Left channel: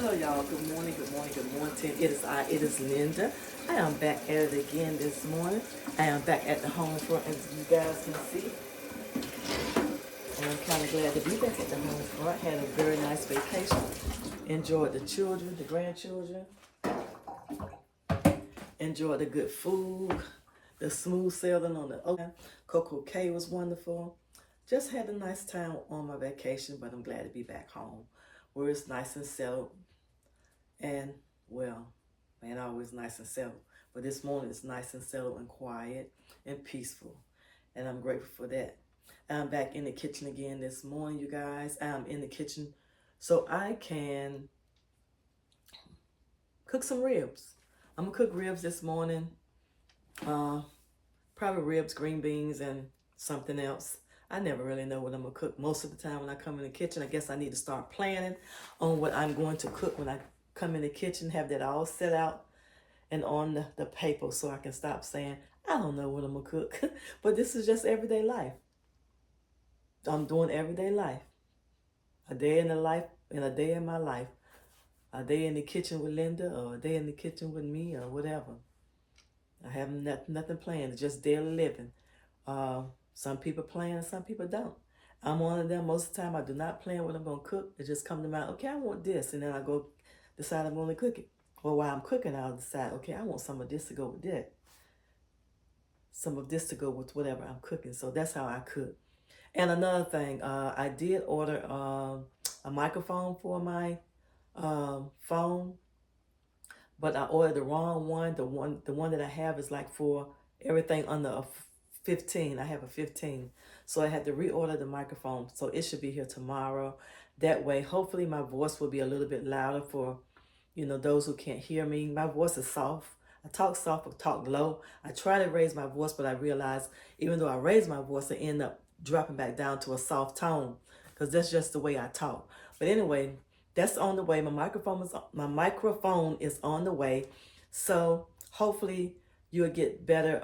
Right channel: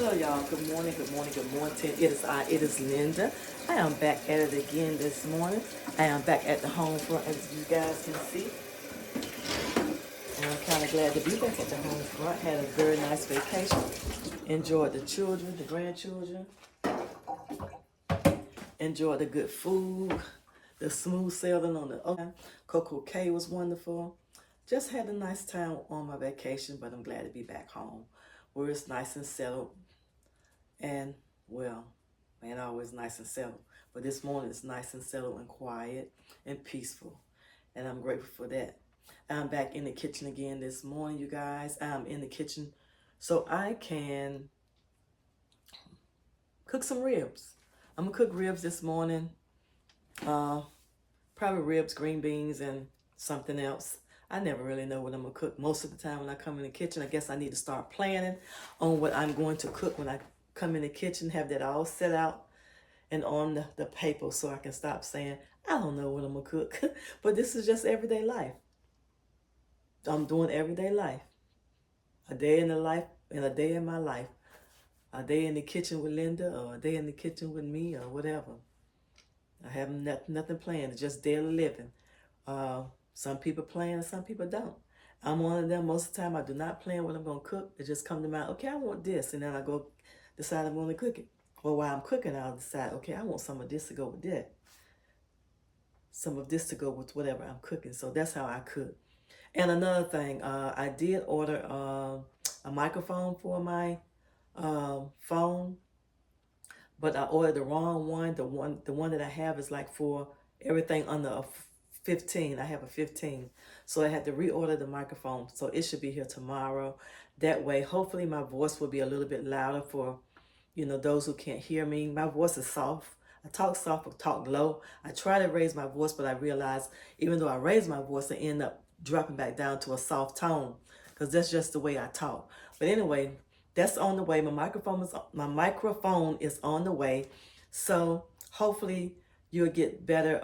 Hello, y'all. Good morning, good morning, good morning. It is Linda. I am back at it again this morning. I am back at the home front, as you guys can see. And I'm kind of glad to be back at the home front. Had a very nice vacation. Enjoyed the children, the grandchildren. Enjoyed the good food, the smooth sailing on the ocean. Coco Cay was wonderful. Just had a nice time on my vacation, but I'm glad to be back home where it's nice and settled. And, well, man, always nice and settled. But this morning it's nice and settled and quiet and peaceful. And I'm grateful for that. I'm back in the kitchen again this morning, you guys. I'm in the kitchen so I can cook some ribs. I'm going to cook ribs this morning. Probably ribs, green beans, and something else. I never really know what I'm going to cook most of the time when I come in the kitchen. I guess I need to start planning on what I'm going to cook when I come in the kitchen, have that all set out and on the paper so I can stop saying, I don't know what I'm going to cook. But this is just everyday life. I'm doing everyday life. A day in the life and a day in my life. A day in the kitchen with Linda or a day in the kitchen with me or whatever. I have nothing planned. It's just daily living. Some people plan and some people don't. I'm one of them. Most of the time I do not plan what I'm going to cook. It just comes to mind, okay, I want this. And then I go decide I'm going to cook it. Or while I'm cooking, I'll decide, okay, I want some of this to go with that. Some of this to go with whatever I'm cooking. So that's how I cook. And another thing, I did order a microphone for my phone, but I ordered the wrong one. The one that I have is like for everything under a 15. I have a 15. So I had to reorder the microphone. So it should be here tomorrow. That way, hopefully my voice will be a little bit louder for, those who can't hear me. My voice is soft. I talk soft or talk low. I try to raise my voice, but I realize even though I raise my voice, I end up dropping back down to a soft tone because that's just the way I talk. But anyway, that's on the way. My microphone is on the way. So hopefully you'll get better.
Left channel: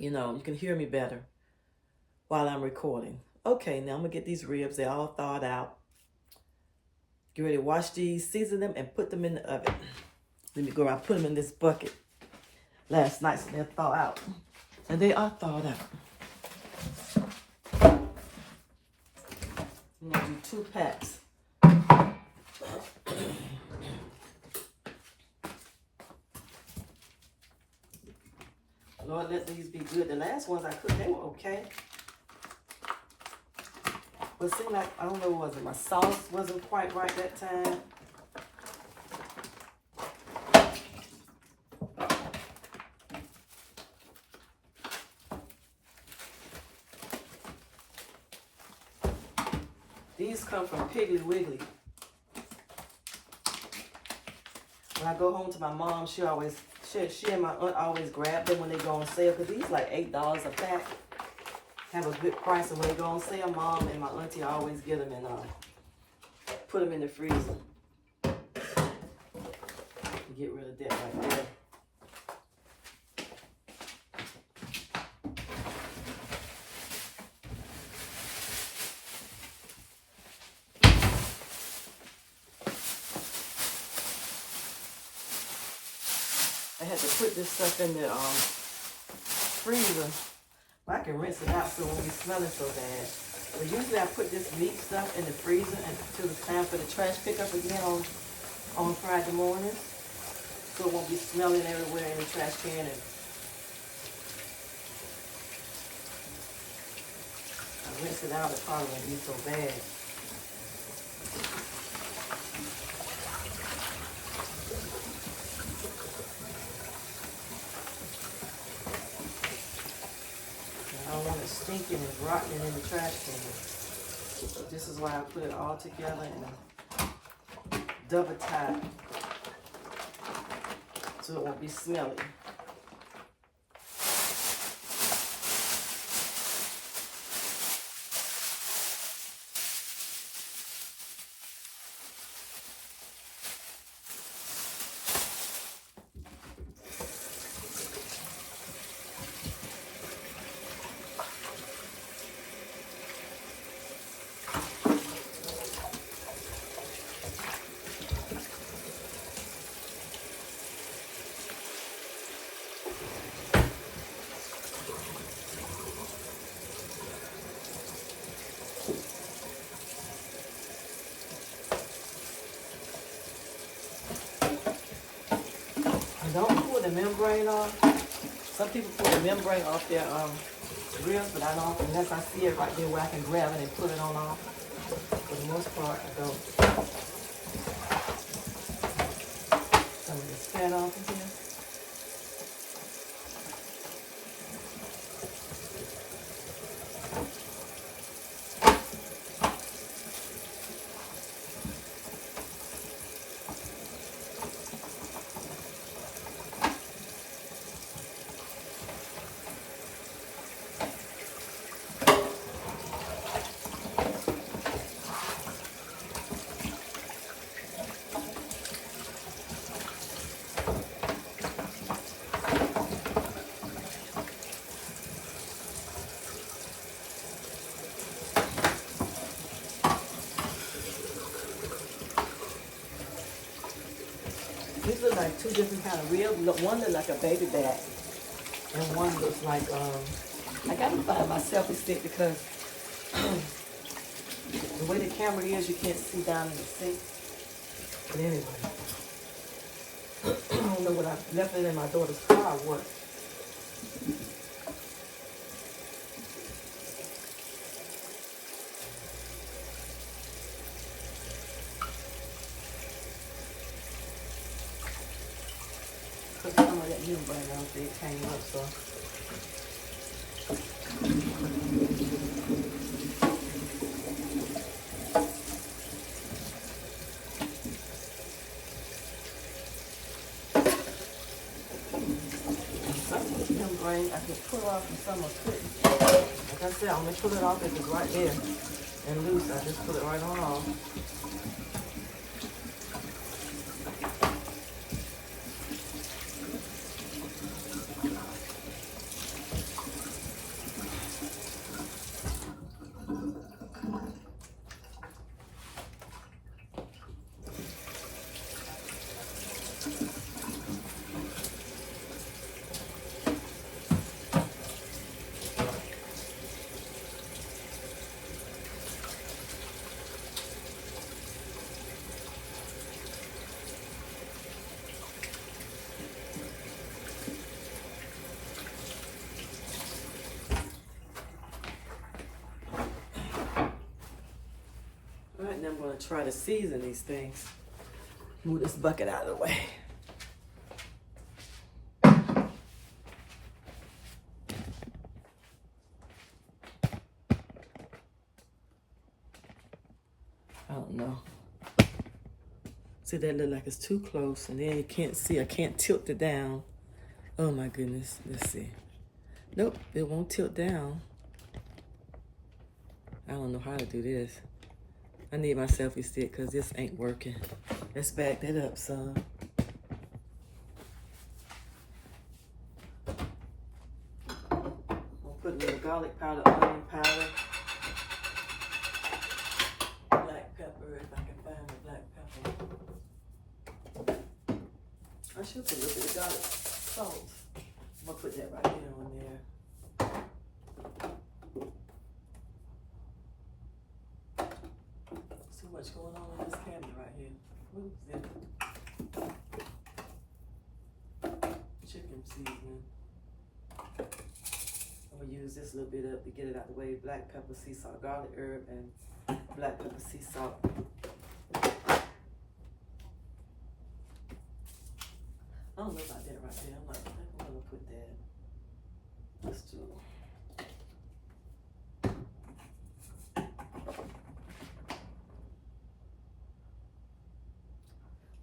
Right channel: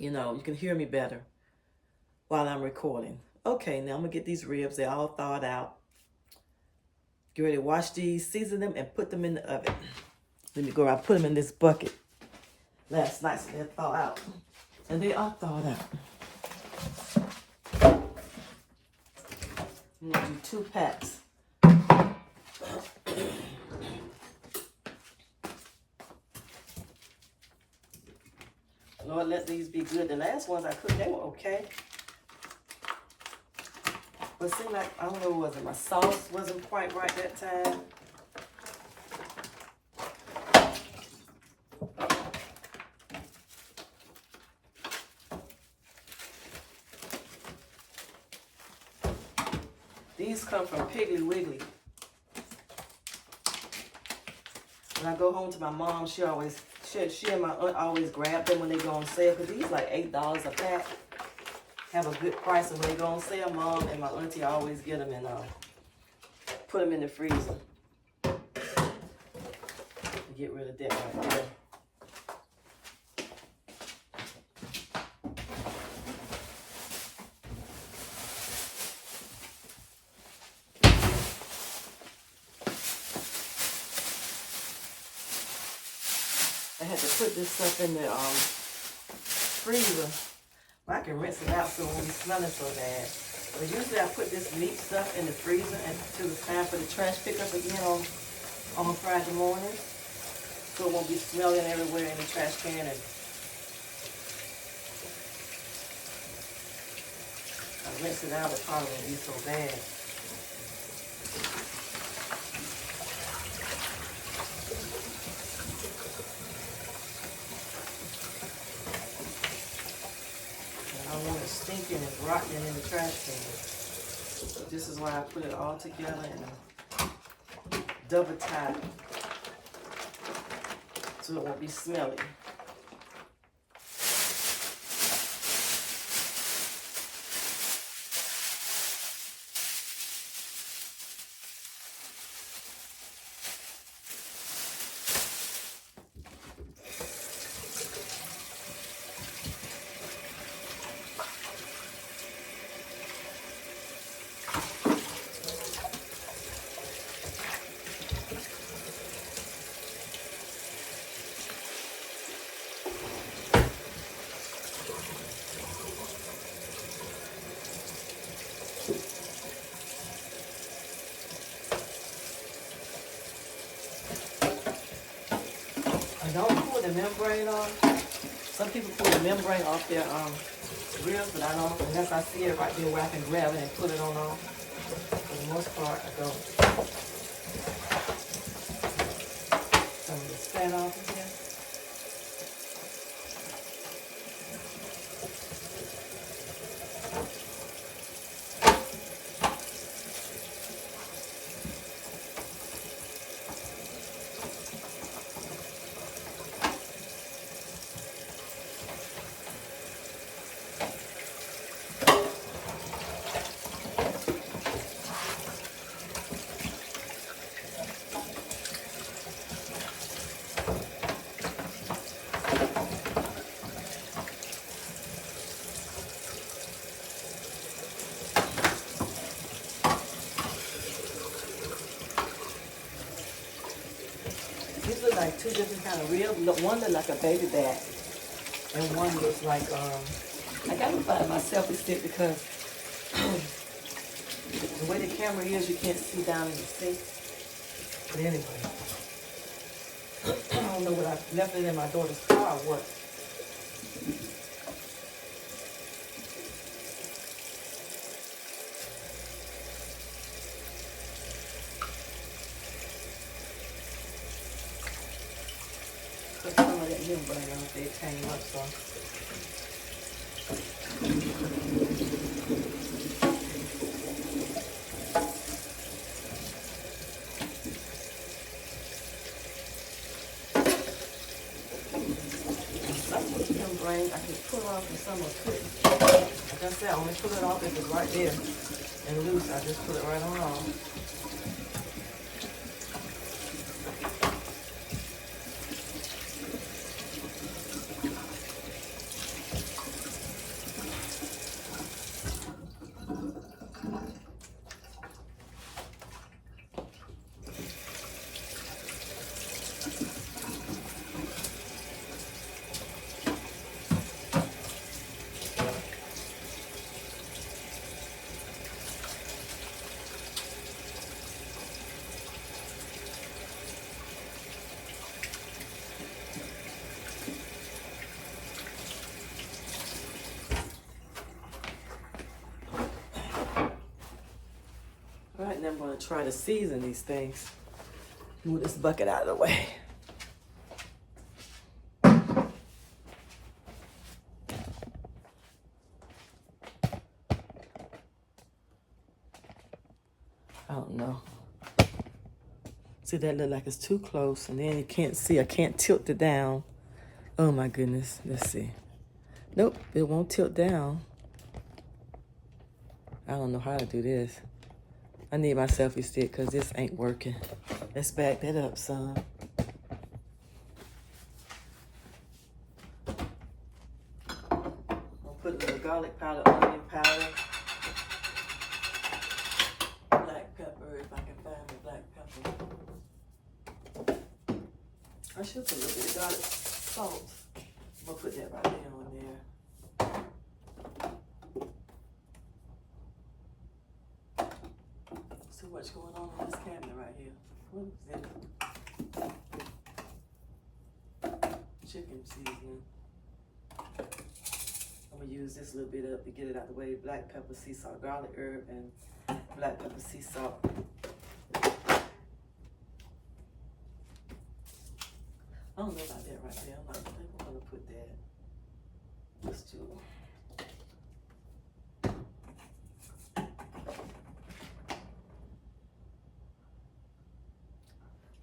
You can hear me better while I'm recording. Okay, now I'm going to get these ribs. They're all thawed out. Get ready to wash these, season them, and put them in the oven. Let me go. I put them in this bucket last night so they're thawed out. And they are thawed out. I'm going to do 2 packs. Lord, let these be good. The last ones I cooked, they were okay. But it seemed like, I don't know, was it my sauce wasn't quite right that time? These come from Piggly Wiggly. When I go home to my mom, she and my aunt always grab them when they go on sale. Because these like $8 a pack. Have a good price. And when they go on sale, mom and my auntie always get them and put them in the freezer. Get rid of that right there. I had to put this stuff in the freezer. I can rinse it out so it won't be smelling so bad. But usually I put this meat stuff in the freezer until it's time for the trash pickup again on Friday morning. So it won't be smelling everywhere in the trash can. And I rinse it out, it probably won't be so bad. I don't want it stinking and rotten in the trash can. So this is why I put it all together and double tie so it won't be smelly. the membrane off. Some people pull the membrane off their ribs, but I don't, unless I see it right there where I can grab it and put it on off. For the most part, I don't. Some of this fat off of here. These look like two different kind of ribs. One look like a baby back, and one looks like I gotta find my selfie stick because the way the camera is, you can't see down in the sink. But anyway, I don't know what I left it in my daughter's car or what. Put some of that membrane on there, it came up, so. Some of the membrane I can pull off and some I couldn't. Like I said, I'm gonna pull it off if it's right there and loose. I just put it right on off. All right, now I'm going to try to season these things. Move this bucket out of the way. I don't know. See, that look like it's too close, and then you can't see. I can't tilt it down. Oh my goodness. Let's see. Nope, it won't tilt down. I don't know how to do this. I need my selfie stick because this ain't working. Let's back that up, son. I'll put a little garlic powder, onion powder, black pepper, if I can find the black pepper. I should put a little bit of garlic salt. I'm gonna put that right there on there. So much going on in this cabinet right here. What is that? Chicken seasoning. I'm gonna use this little bit up to get it out the way. Black pepper, sea salt, garlic herb, and black pepper, sea salt. I don't know about that right there. I think I'm gonna put that. Let's do it.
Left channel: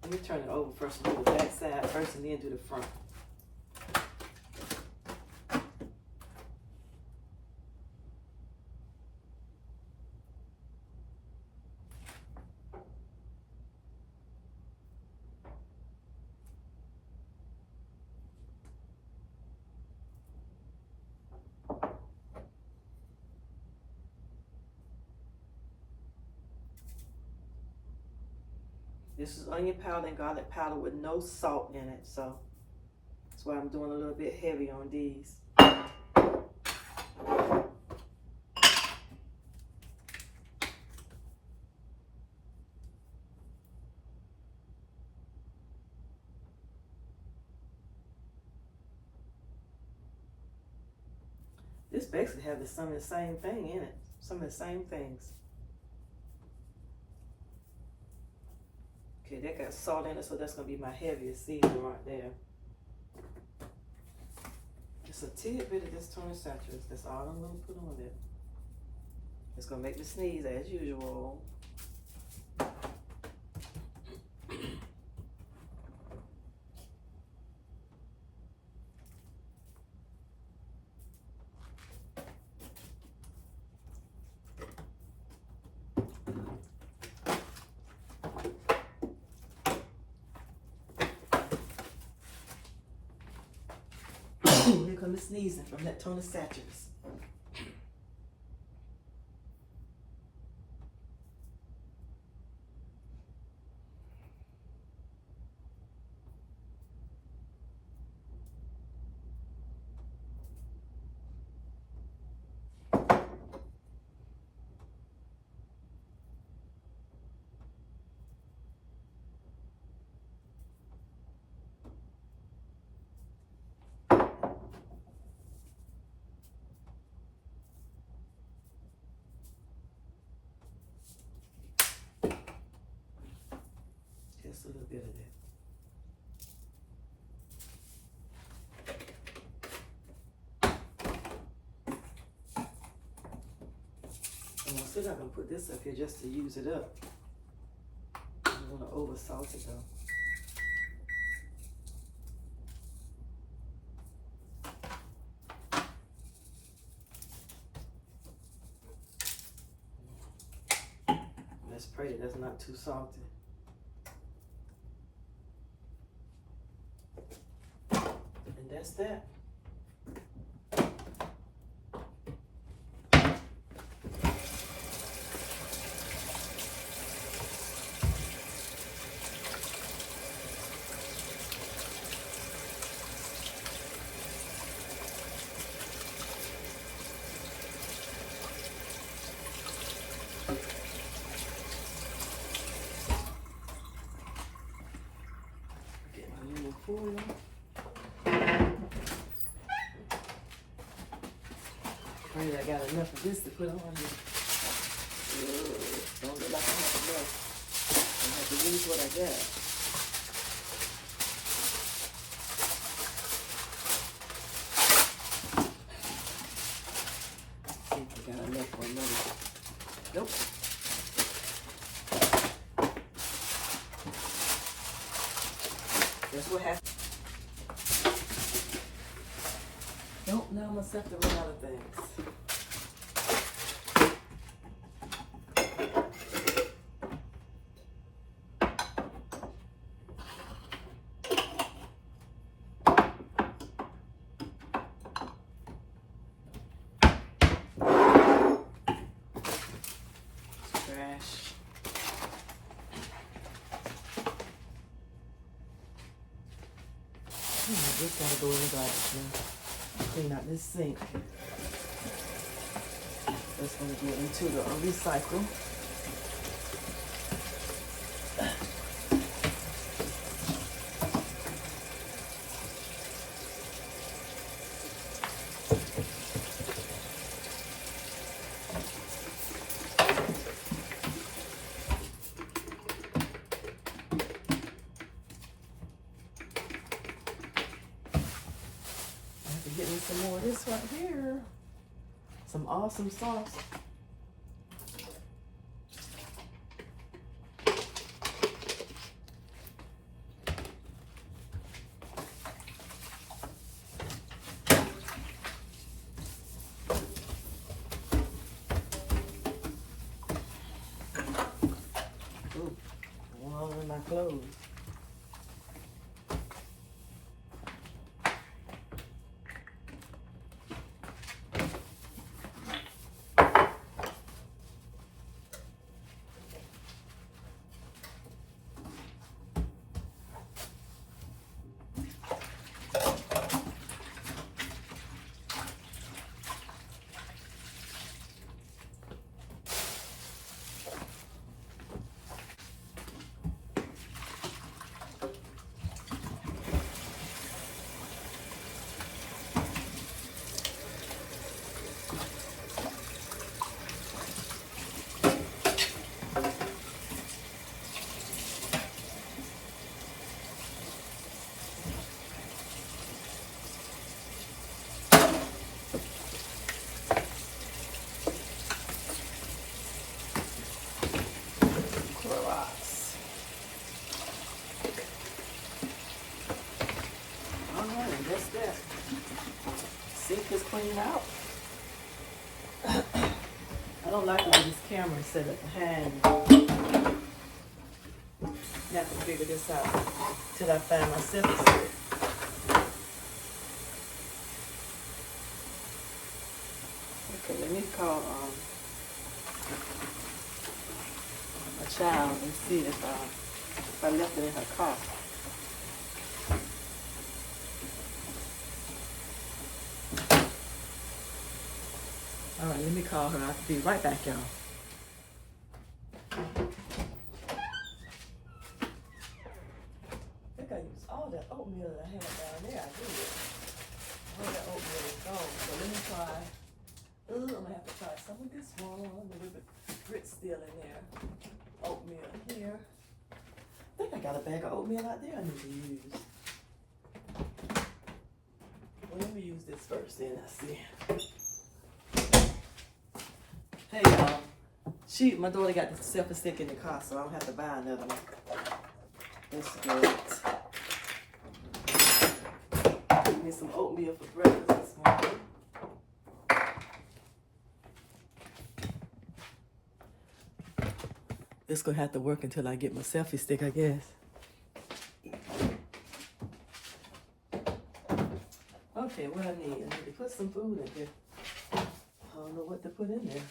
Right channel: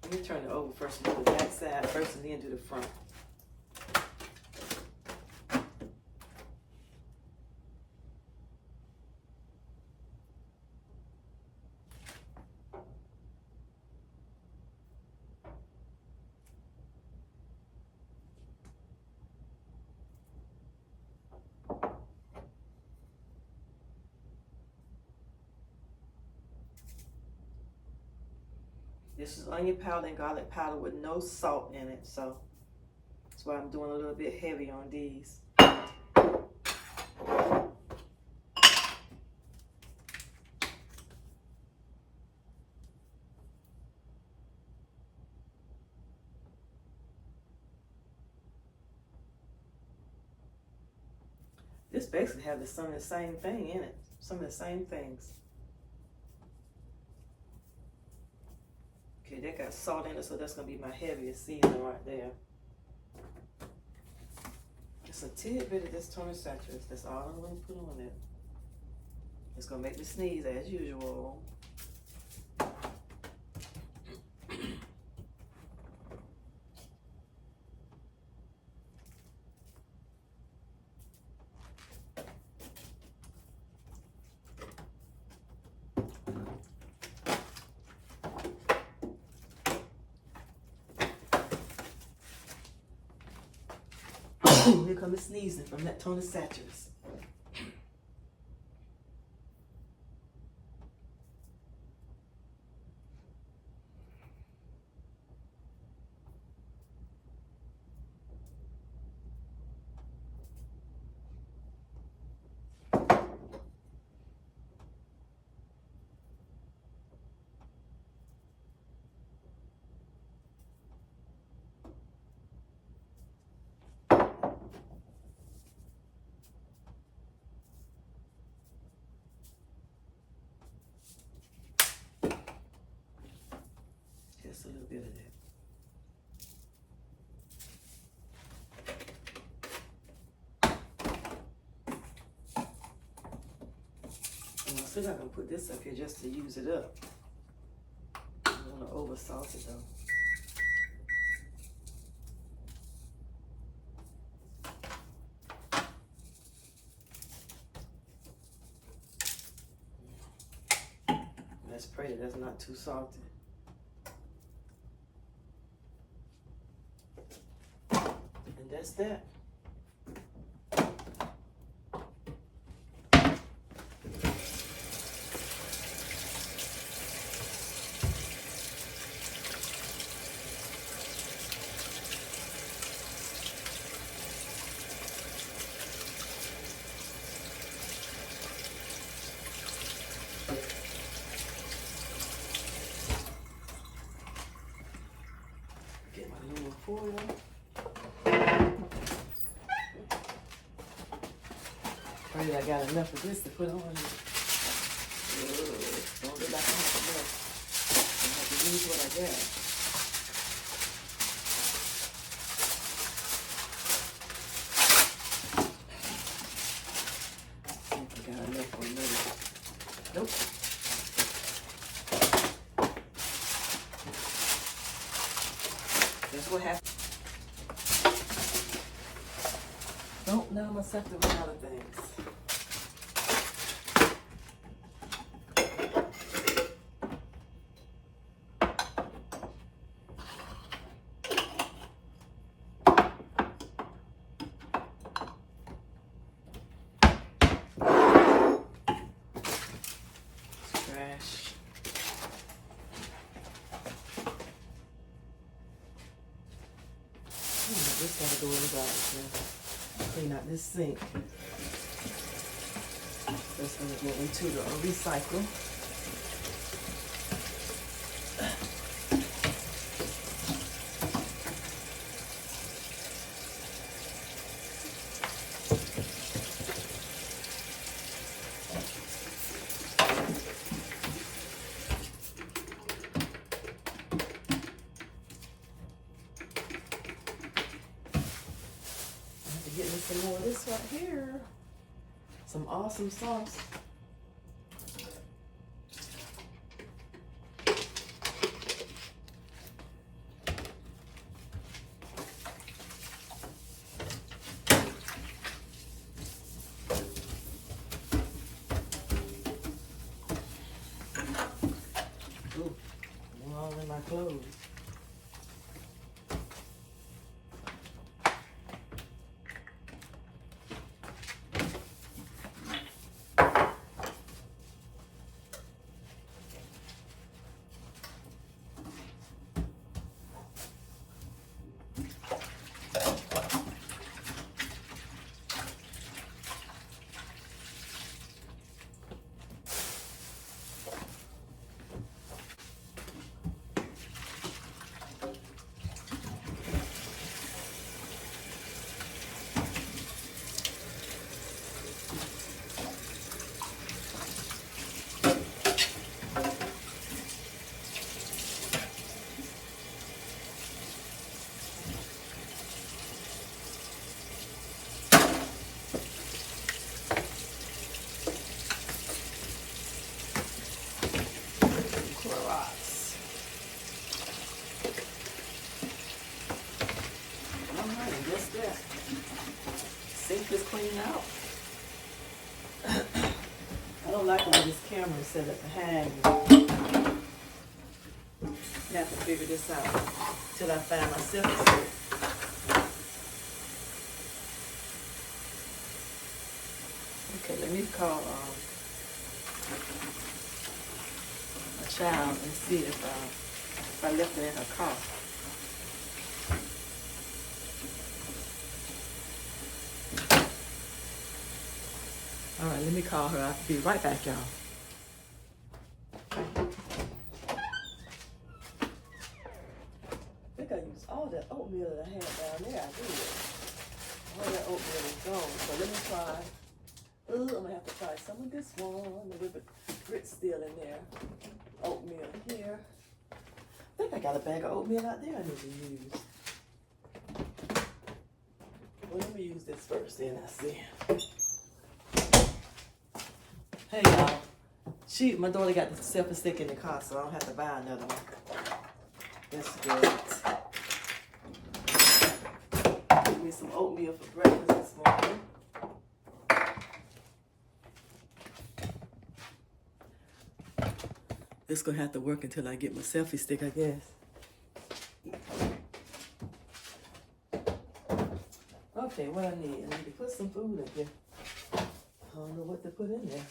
Let me turn it over first and do the back side first and then do the front. This is onion powder and garlic powder with no salt in it, so that's why I'm doing a little bit heavy on these. This basically has some of the same thing in it. Some of the same things. Okay, that got salt in it, so that's gonna be my heaviest seasoning right there. Just a tidbit of this Tony Chachere's. That's all I'm gonna put on it. It's gonna make me sneeze as usual. Here comes sneezing from that Tony Chachere's. Just a little bit of that. And I'm still not gonna put this up here just to use it up. I don't wanna over salt it though. Let's pray that that's not too salty. And that's that. Get my little cooler. Pray that I got enough of this to put on here. Don't look like I have enough. I have to use what I got. See if I got enough for another. Nope. That's what happened. Don't allow myself to run out of things. Trash. This gotta go in the glass. Clean out this sink. This one get me to the recycle. Get me some more of this right here. Some awesome sauce. Ooh, one all in my clothes. set it behind me. Have to figure this out till I find my selfie. Okay, let me call a child and see if I left it in her car. All right, let me call her. I'll be right back, y'all. I think I used all that oatmeal that I had down there. I did. All that oatmeal is gone. So let me try. I'm gonna have to try some of this one. Maybe the grit's still in there. Oatmeal here. I think I got a bag of oatmeal out there I need to use. Well, let me use this first, then I'll see. Hey y'all, my daughter got the selfie stick in the car, so I don't have to buy another one. That's good. Give me some oatmeal for breakfast this morning. It's gonna have to work until I get my selfie stick, I guess. Okay, what I need? I need to put some food in here. I don't know what to put in there.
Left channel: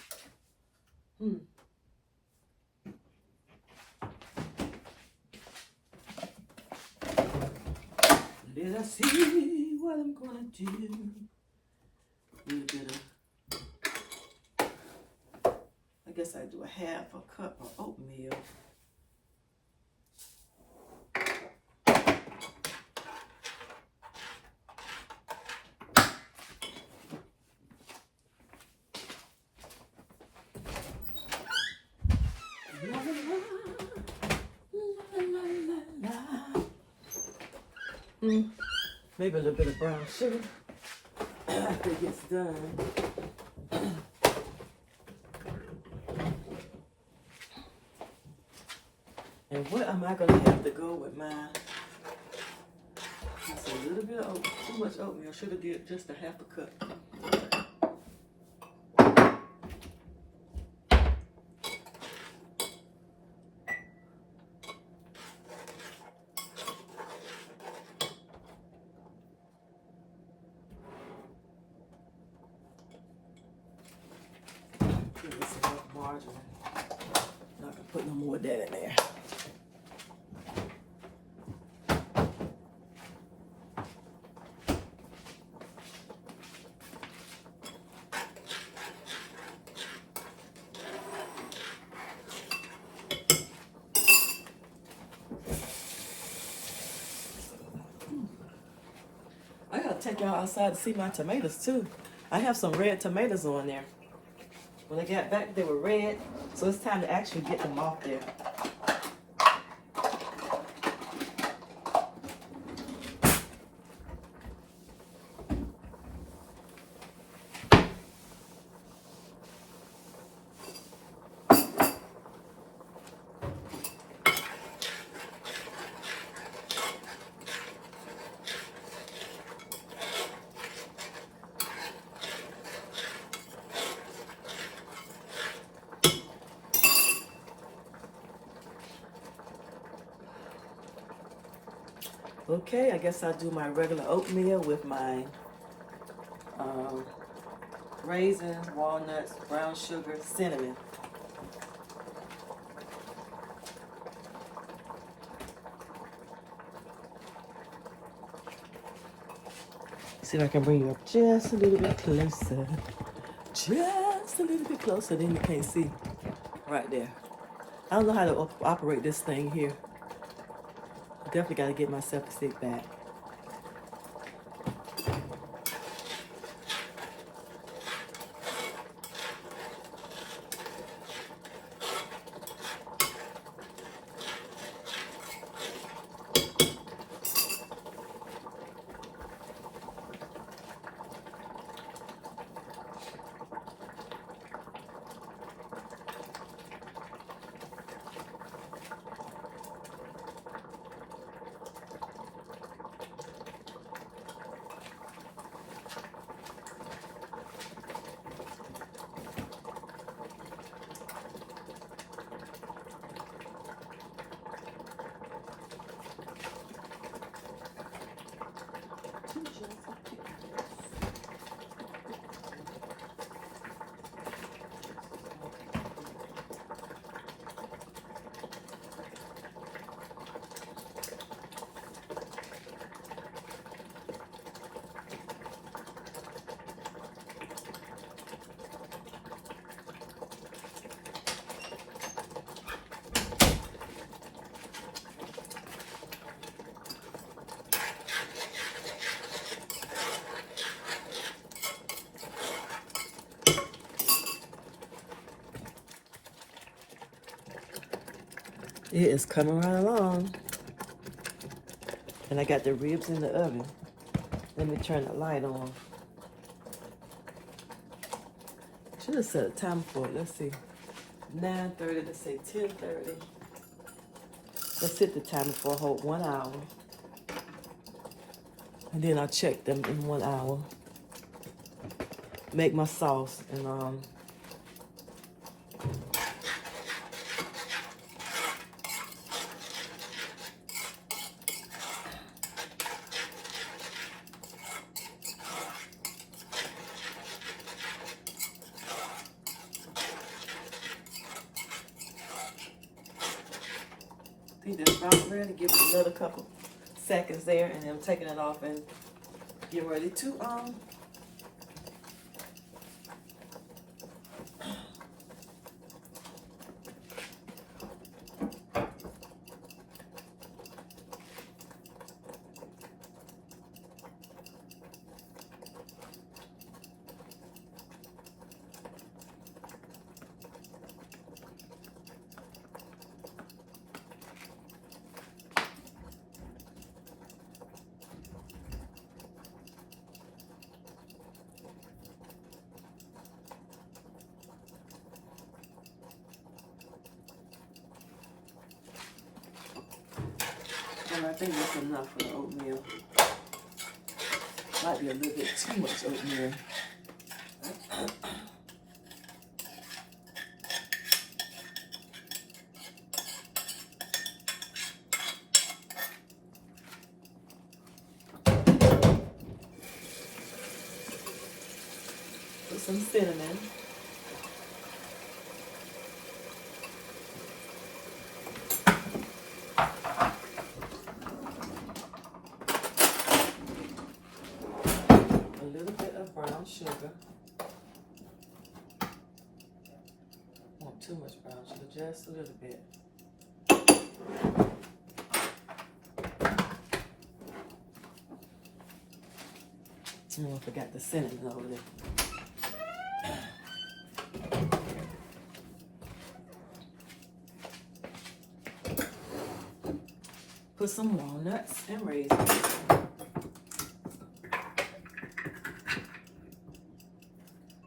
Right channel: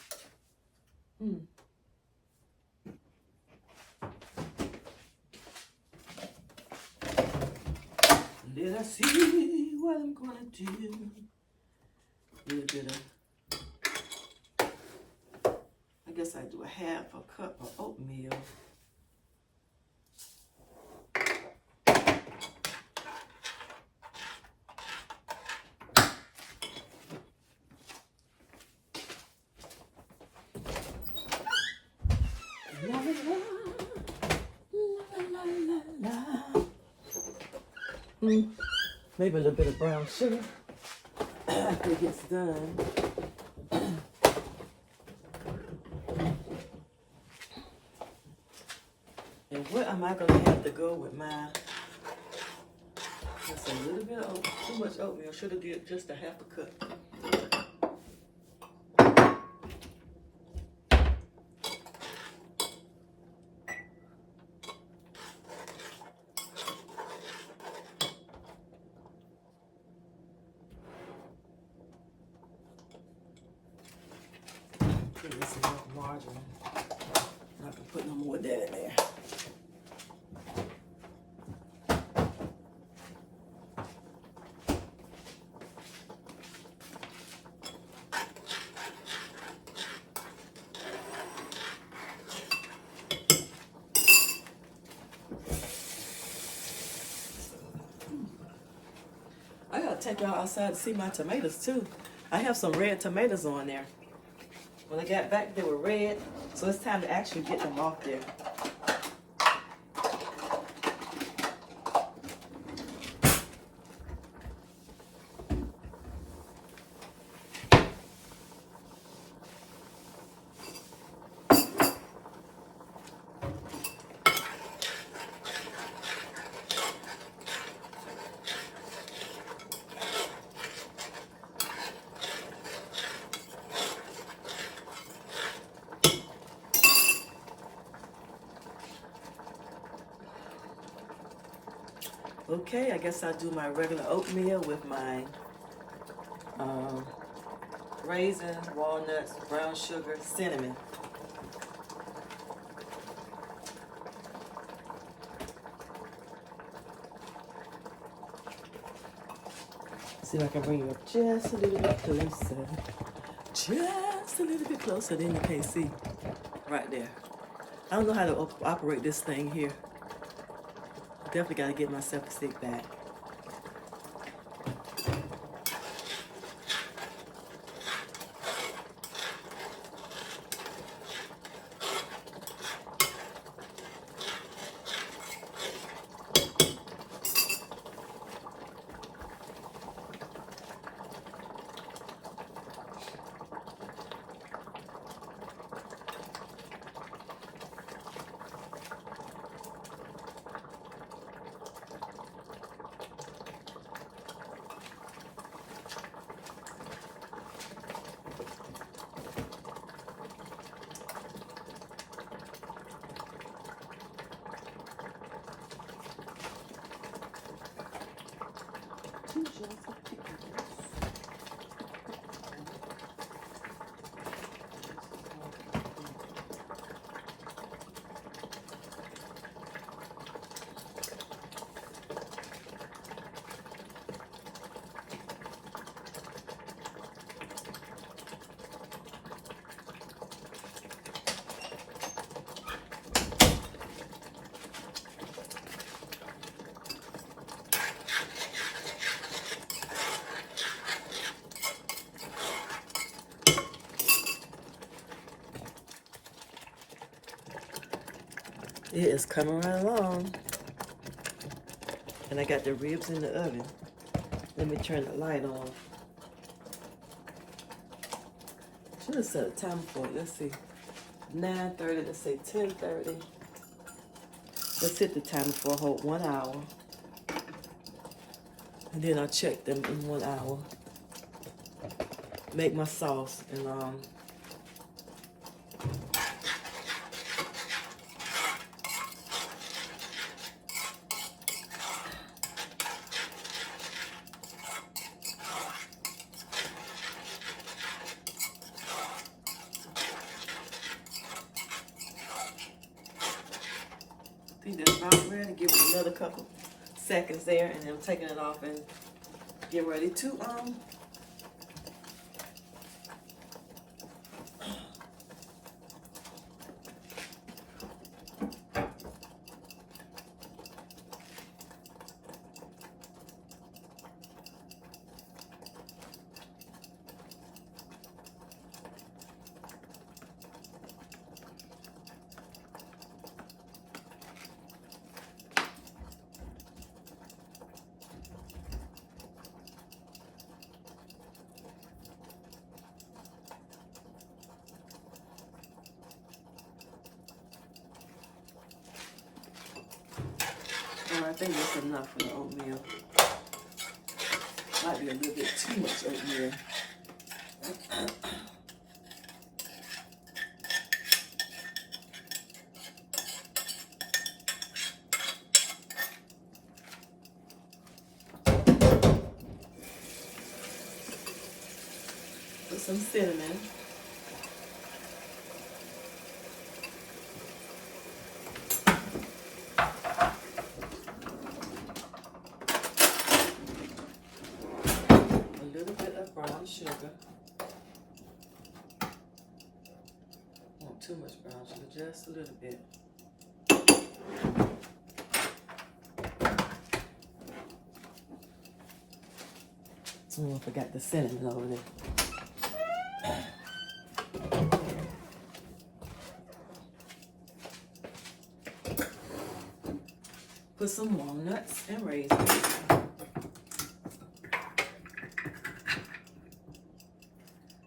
Did I see what I'm gonna do? A little bit of, I guess I do a half a cup of oatmeal. Maybe a little bit of brown sugar after it gets done. And what am I going to have to go with mine? That's a little bit of too much oatmeal. Should have did just a half a cup. Margarine. Not gonna put no more of that in there. I gotta take y'all outside to see my tomatoes too. I have some red tomatoes on there. When I got back, they were red, so it's time to actually get them off there. Okay, I guess I'll do my regular oatmeal with my raisins, walnuts, brown sugar, cinnamon. See if I can bring you up just a little bit closer. Just a little bit closer, then you can't see right there. I don't know how to operate this thing here. Definitely got to get myself a stick back. It is coming right along. And I got the ribs in the oven. Let me turn the light on. Should have set a time for it. Let's see. 9:30, let's say 10:30. Let's hit the timer for a whole 1 hour. And then I'll check them in 1 hour. Make my sauce and I think that's about ready. Give it another couple seconds there, and then I'm taking it off and getting ready to I think that's enough for the oatmeal. Might be a little bit too much oatmeal. Put some cinnamon. Brown sugar. Not too much brown sugar, just a little bit. Oh, I forgot the cinnamon over there. Put some walnuts and raisins.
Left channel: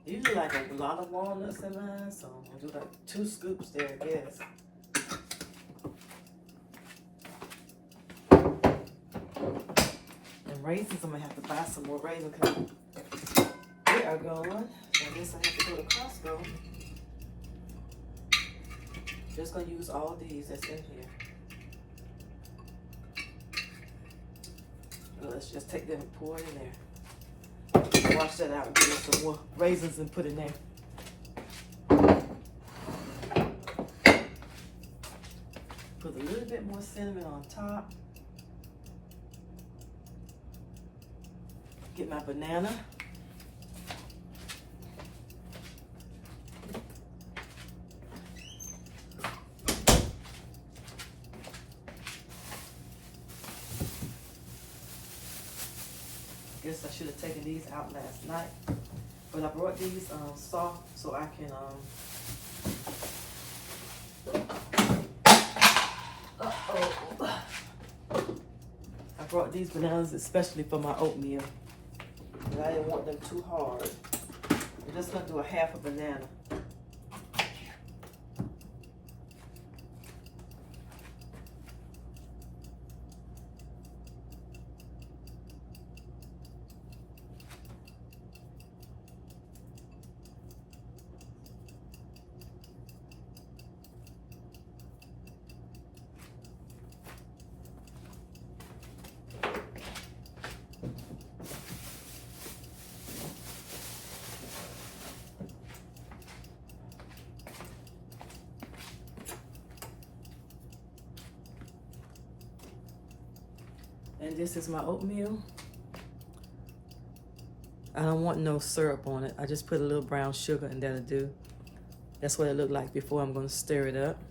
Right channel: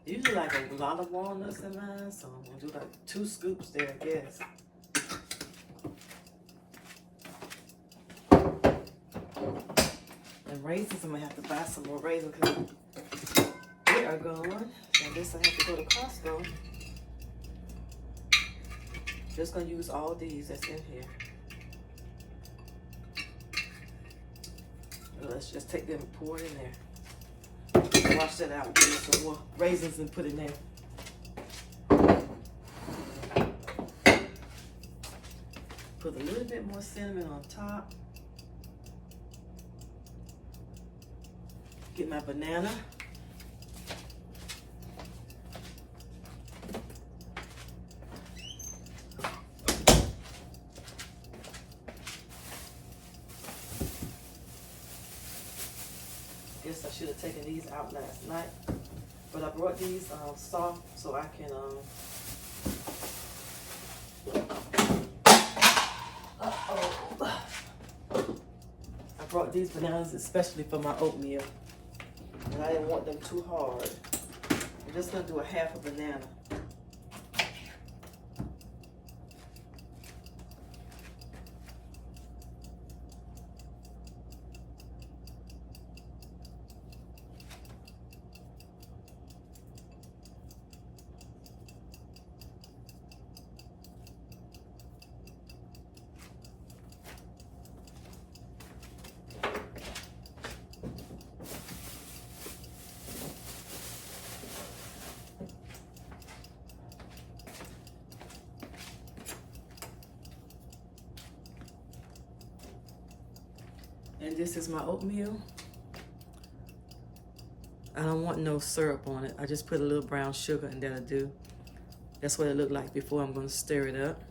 Usually like a lot of walnuts in mine, so I'm gonna do like 2 scoops there, I guess. And raisins, I'm gonna have to buy some more raisins because they are gone. And this I have to go to Costco. Just gonna use all these that's in here. Let's just take them and pour it in there. Wash that out and get some more raisins and put it in there. Put a little bit more cinnamon on top. Get my banana. Guess I should have taken these out last night, but I brought these soft so I can I brought these bananas especially for my oatmeal, and I didn't want them too hard. I'm just gonna do a half a banana. And this is my oatmeal. I don't want no syrup on it. I just put a little brown sugar and that'll do. That's what it looked like before. I'm gonna stir it up.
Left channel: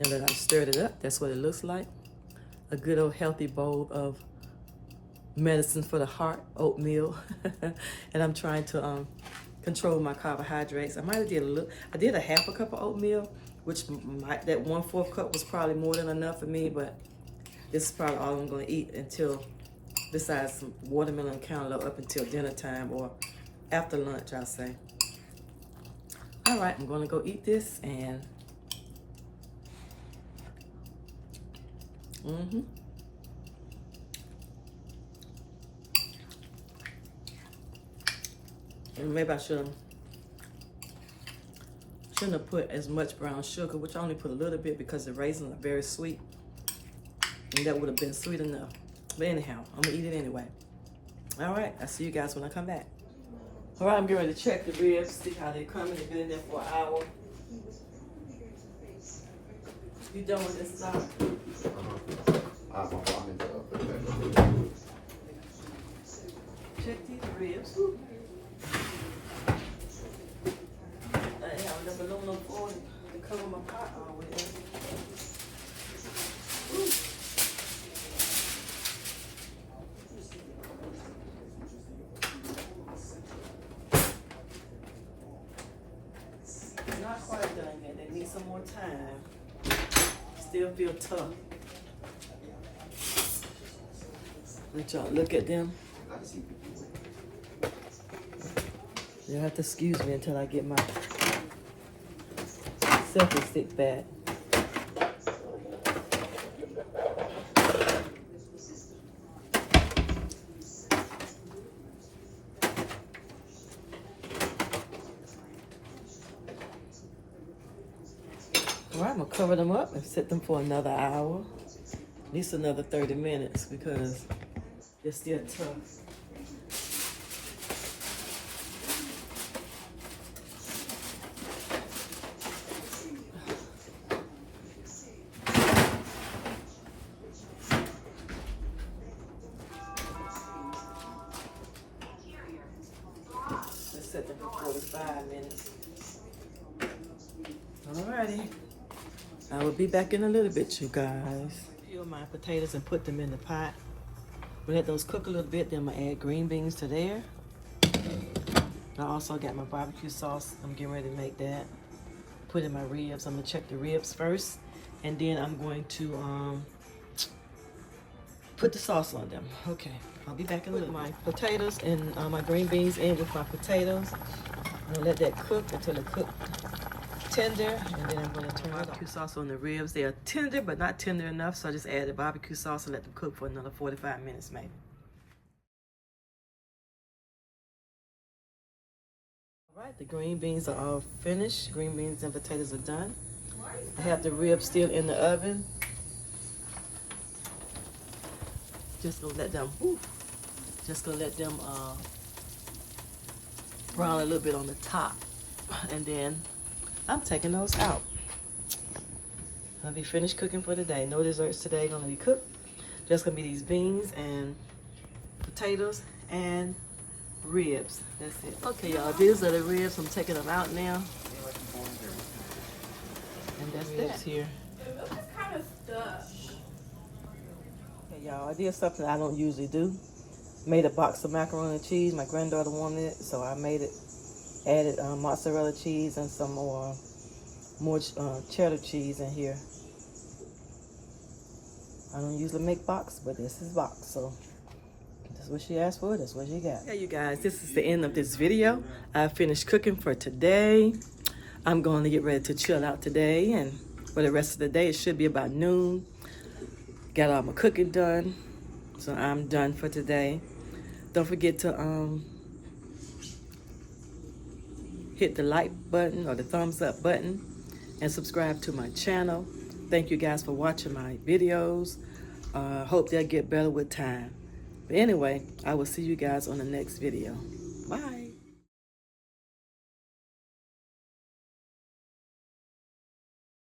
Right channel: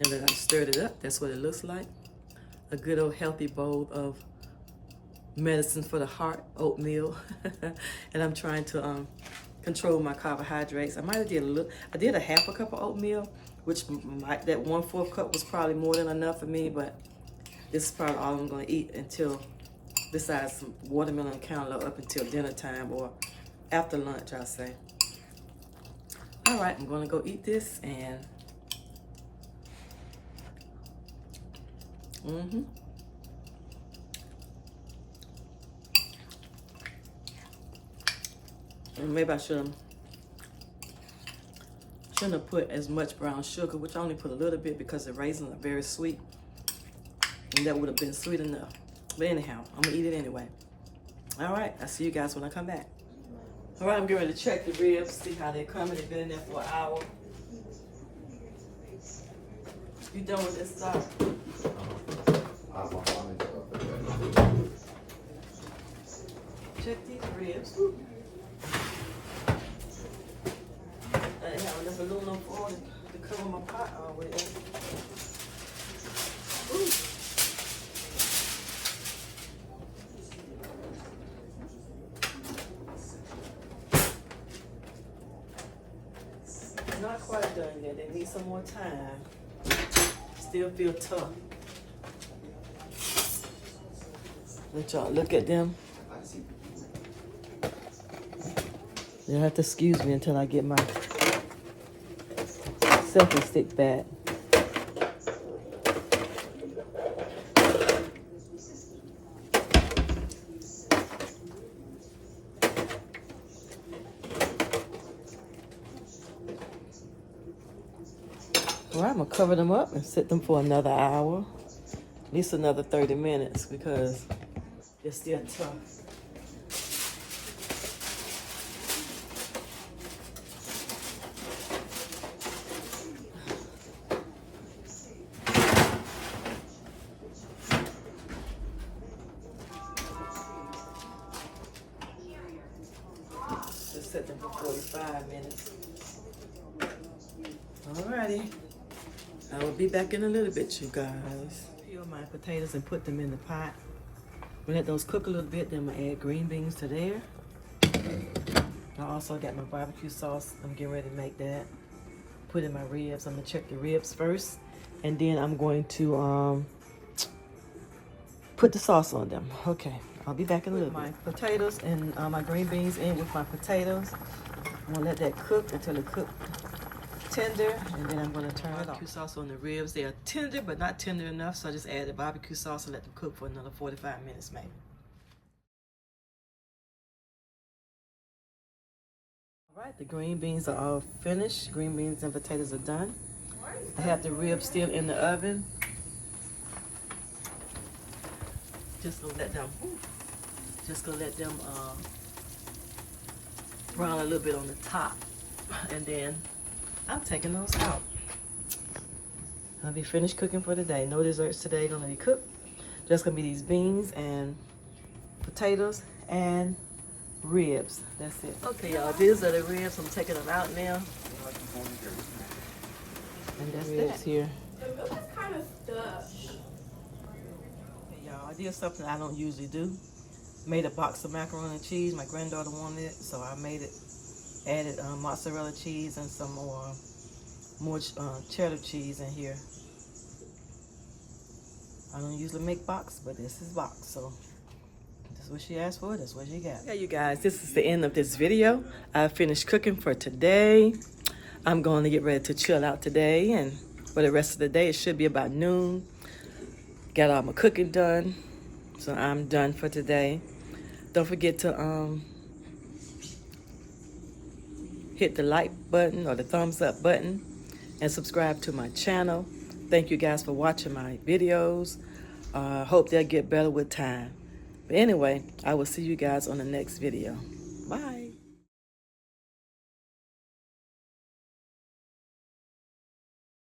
Now that I stirred it up, that's what it looks like. A good old healthy bowl of medicine for the heart, oatmeal. And I'm trying to control my carbohydrates. I might have did a little, I did a half a cup of oatmeal, which that 1/4 cup was probably more than enough for me, but this is probably all I'm gonna eat until, besides some watermelon and cantaloupe, up until dinner time or after lunch, I'll say. All right, I'm gonna go eat this and and maybe I shouldn't have put as much brown sugar, which I only put a little bit because the raisins are very sweet. And that would have been sweet enough. But anyhow, I'm gonna eat it anyway. All right, I'll see you guys when I come back. All right, I'm getting ready to check the ribs, see how they're coming. They've been in there for an hour. You done with this stuff? Check these ribs. Ooh. I have enough aluminum foil to cover my pot with. Ooh. Not quite done yet. They need some more time. Still feel tough. Let y'all look at them. You'll have to excuse me until I get my selfie stick back. Well, I'm gonna cover them up and sit them for another hour, at least another 30 minutes because they're still tough. Let's set them for 45 minutes. Alrighty. I will be back in a little bit, you guys. Peel my potatoes and put them in the pot. We'll let those cook a little bit, then I'm gonna add green beans to there. I also got my barbecue sauce. I'm getting ready to make that. Put in my ribs. I'm gonna check the ribs first, and then I'm going to put the sauce on them. Okay, I'll be back in a little bit. My potatoes and my green beans in with my potatoes. I'm gonna let that cook until it cooks tender, and then I'm going to turn barbecue sauce on the ribs. They are tender, but not tender enough, so I just add the barbecue sauce and let them cook for another 45 minutes maybe. All right, the green beans are all finished. Green beans and potatoes are done. I have the ribs still in the oven. Just gonna let them brown a little bit on the top, and then I'm taking those out. I'll be finished cooking for the day. No desserts today gonna be cooked. Just gonna be these beans and potatoes and ribs. That's it. Okay, y'all, these are the ribs. I'm taking them out now. And that's that here. Kind of stuff. Okay, y'all, I did something I don't usually do. Made a box of macaroni and cheese. My granddaughter wanted it, so I made it. Added mozzarella cheese and some more cheddar cheese in here. I don't usually make box, but this is box, so that's what she asked for. That's what she got. Yeah, you guys, this is the end of this video. I finished cooking for today. I'm going to get ready to chill out today, and for the rest of the day, it should be about noon. Got all my cooking done, so I'm done for today. Don't forget to hit the like button or the thumbs up button and subscribe to my channel. Thank you guys for watching my videos. Hope they'll get better with time. But anyway, I will see you guys on the next video. Bye.